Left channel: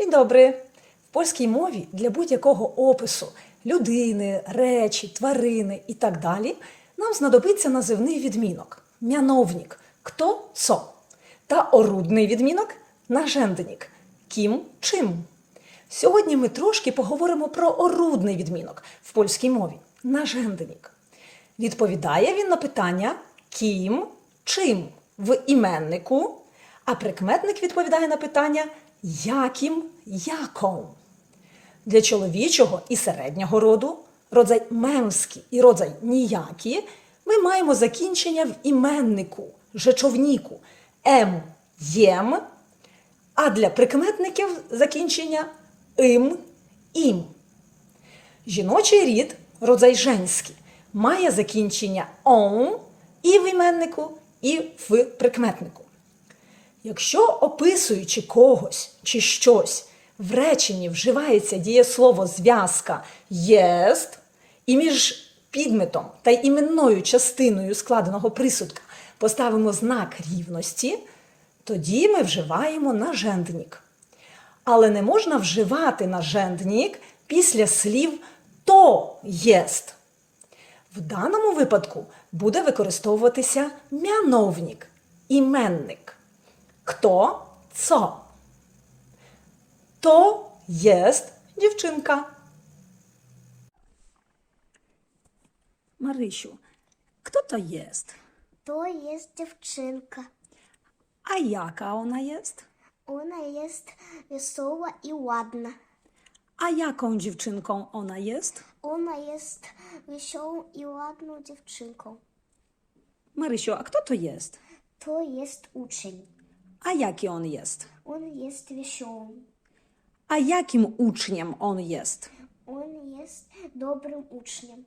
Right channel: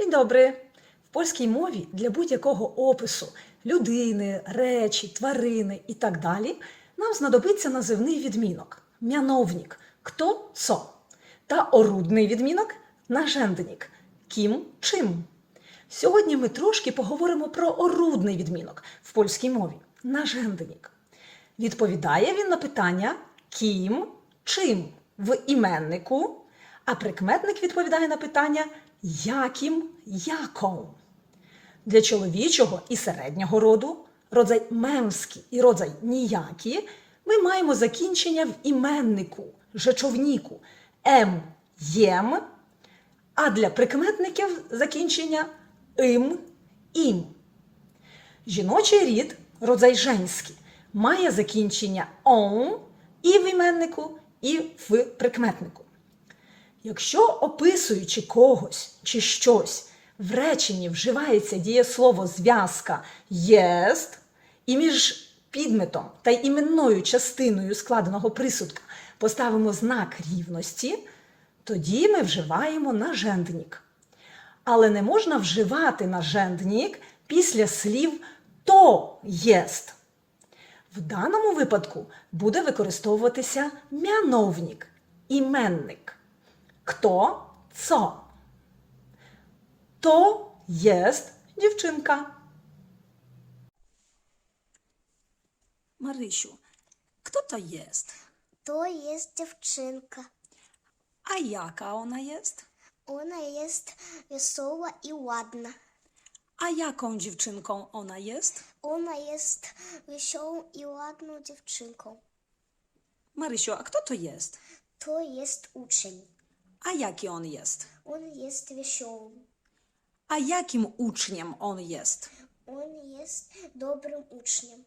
Dzień dobry. В польській мові для будь-якого опису людини, речі, тварини і так далі нам знадобиться називний відмінок мяновник хто co та орудний відмінок нажендник ким чим. Сьогодні ми трошки поговоримо про орудний відмінок в польській мові нажендник. Відповідає він на питання ким, чим в іменнику, а прикметник відповідає на питання яким, яką. Для чоловічого і середнього роду, родзай мемський і родзай ніякі, ми маємо закінчення в іменнику, жечовніку ем, єм, а для прикметників закінчення им, ім. Жіночий рід, родзай женський, має закінчення он і в іменнику, і в прикметнику. Якщо описуючи когось чи щось, в реченні вживається дієслово зв'язка єст, і між підметом та іменною частиною складеного присудка поставимо знак рівності, тоді ми вживаємо нажендник. Але не можна вживати нажендник після слів то єст. В даному випадку буде використовуватися мяновник, іменник. kto co. To jest dziewczynka. Marysiu, kto to jest? To jest dziewczynka. A jaka ona jest? Ona jest wesoła i ładna. A jaką dziewczynką ona jest? Ona jest wesołą i ładną dziewczynką. Marysiu, a kto to jest? To jest uczeń. A jaki on jest? On jest wesoły. A jakim uczniem on jest? On jest dobrym uczniem.